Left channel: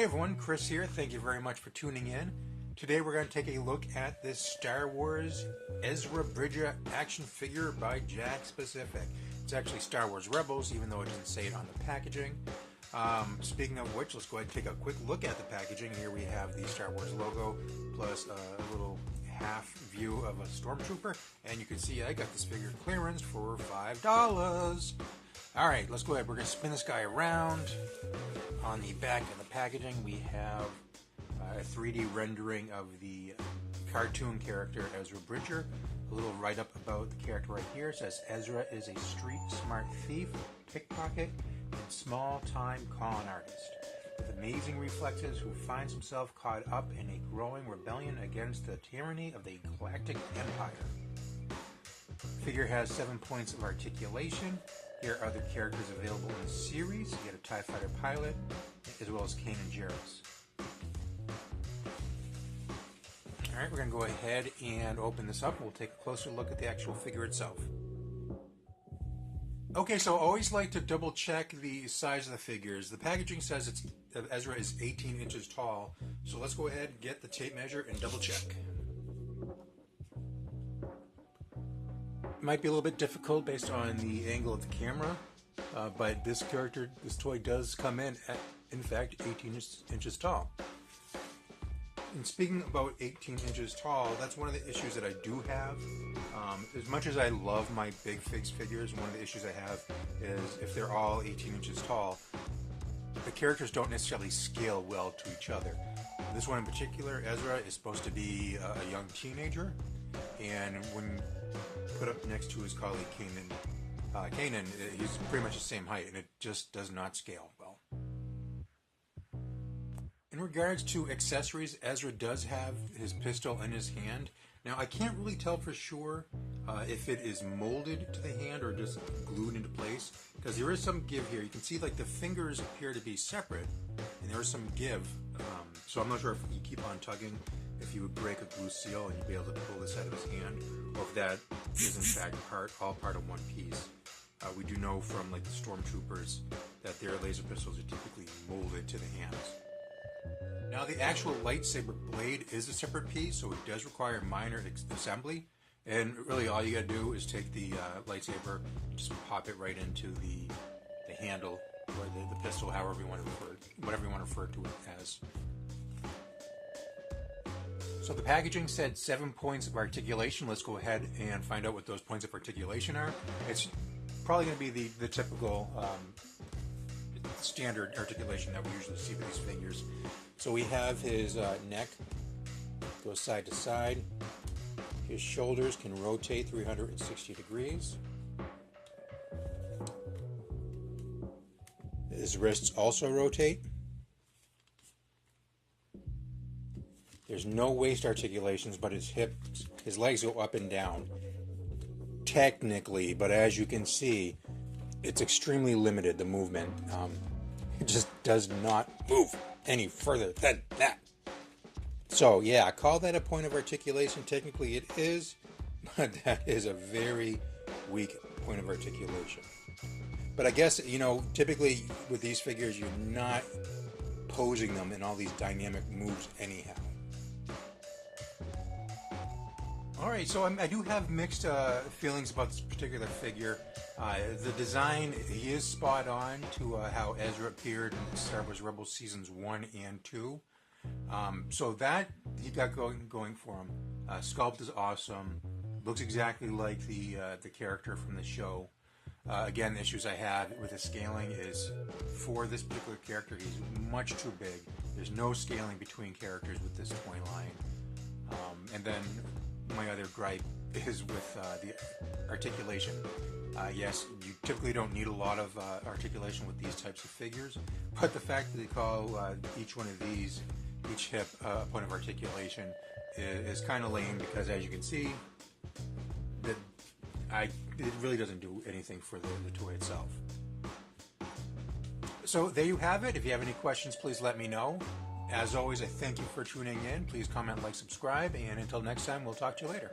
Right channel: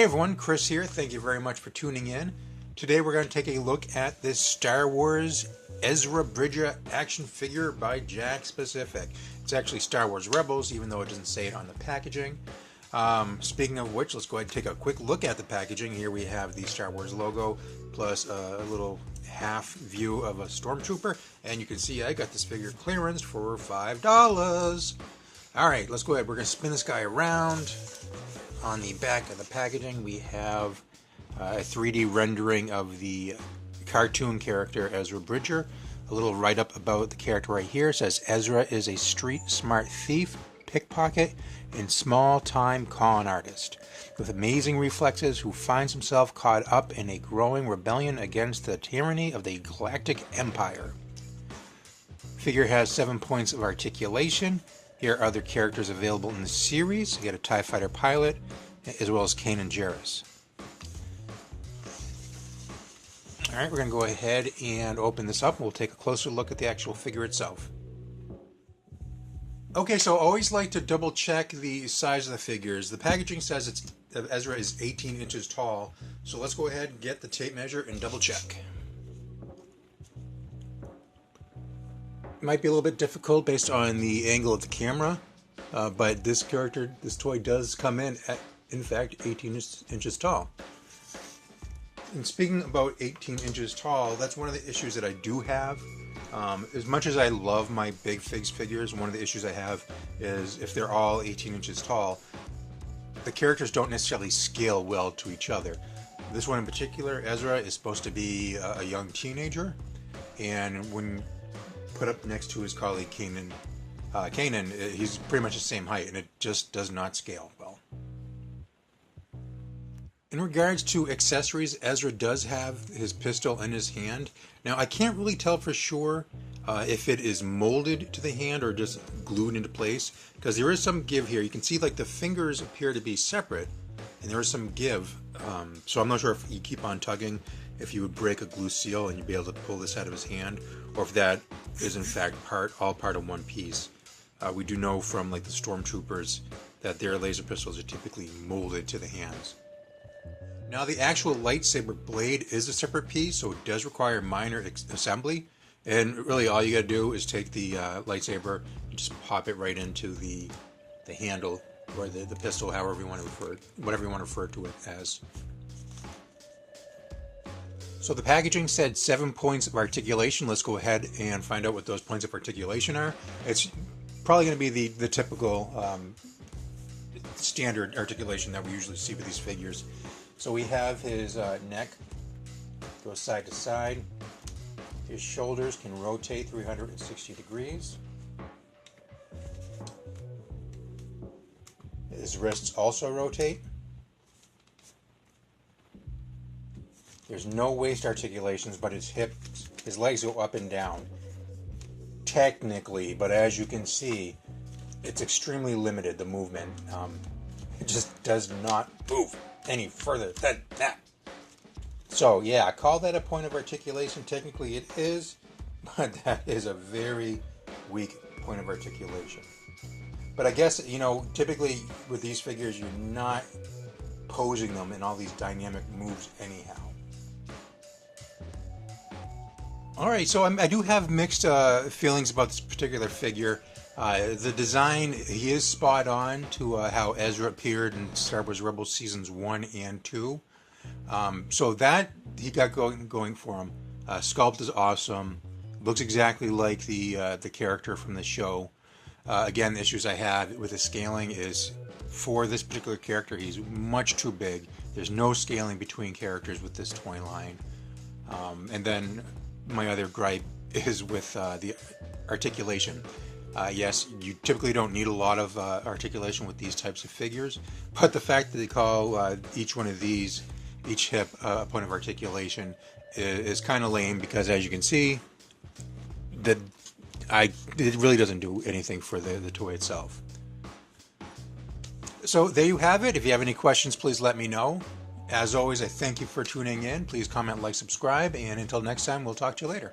Hey everyone, Chris here. Thank you very much for tuning in. Today we're going to take a look at this Star Wars Ezra Bridger action figure by Jakks Pacific. It's actually Star Wars Rebels, even though it doesn't say it on the packaging. Speaking of which, let's go ahead and take a quick look at the packaging. Here we have the Star Wars logo, plus a little half view of a Stormtrooper. And you can see I got this figure clearance for $5. Alright, let's go ahead. We're going to spin this guy around. On the back of the packaging, we have a 3D rendering of the cartoon character Ezra Bridger. A little write-up about the character right here says Ezra is a street-smart thief, pickpocket, and small-time con artist with amazing reflexes who finds himself caught up in a growing rebellion against the tyranny of the Galactic Empire. Figure has 7 points of articulation. Here are other characters available in the series. You get a TIE Fighter pilot, as well as Kanan Jarrus. Alright, we're going to go ahead and open this up. We'll take a closer look at the actual figure itself. Okay, so I always like to double check the size of the figures. The packaging says Ezra is 18 inches tall. So let's go ahead and get the tape measure and double check. Might be a little bit difficult based on the angle of the camera, but this toy does come in fact, 18 inches tall. And speaking about 18 inches tall, that's one of the issues that I do have. As much as I love my big figures, one of the issues I have is if they're all 18 inches tall, the characters don't necessarily scale well to each other. This one in particular, Ezra, is supposed to be a young teenager, and when put up next to his colleague Kanan, he's pretty much the same height, and it just does not scale well. In regards to accessories, Ezra does have his pistol in his hand. Now, I can't really tell for sure if it is molded to the hand or just glued into place, because there is some give here. You can see like the fingers appear to be separate, and there is some give. So I'm not sure if you keep on tugging, if you would break a glue seal and you'd be able to pull this out of his hand, or if that is in fact all part of one piece. We do know from like the Stormtroopers that their laser pistols are typically molded to the hands. Now the actual lightsaber blade is a separate piece, so it does require minor assembly, and really all you gotta do is take the lightsaber and just pop it right into the handle, or the pistol, however you want to whatever you want to refer to it as. So the packaging said 7 points of articulation. Let's go ahead and find out what those points of articulation are. It's probably going to be the typical standard articulation that we usually see with these figures. So we have his neck goes side to side. His shoulders can rotate 360 degrees. His wrists also rotate. There's no waist articulations, but his legs go up and down. Technically, but as you can see, it's extremely limited, the movement. It just does not move any further than that. So yeah, I call that a point of articulation. Technically it is, but that is a very weak point of articulation. But I guess, typically with these figures, you're not posing them in all these dynamic moves anyhow. Alright, so I do have mixed feelings about this particular figure. The design, he is spot on to how Ezra appeared in Star Wars Rebels Seasons 1 and 2. So that he got going for him. Sculpt is awesome. Looks exactly like the character from the show. Again, the issues I have with the scaling is, for this particular character, he's much too big. There's no scaling between characters with this toy line. And then my other gripe is with the articulation. Yes, you typically don't need a lot of articulation with these types of figures, but the fact that they call each one of these, each hip, a point of articulation is kind of lame, because as you can see, it really doesn't do anything for the toy itself. So there you have it. If you have any questions, please let me know. As always, I thank you for tuning in. Please comment, like, subscribe, and until next time, we'll talk to you later.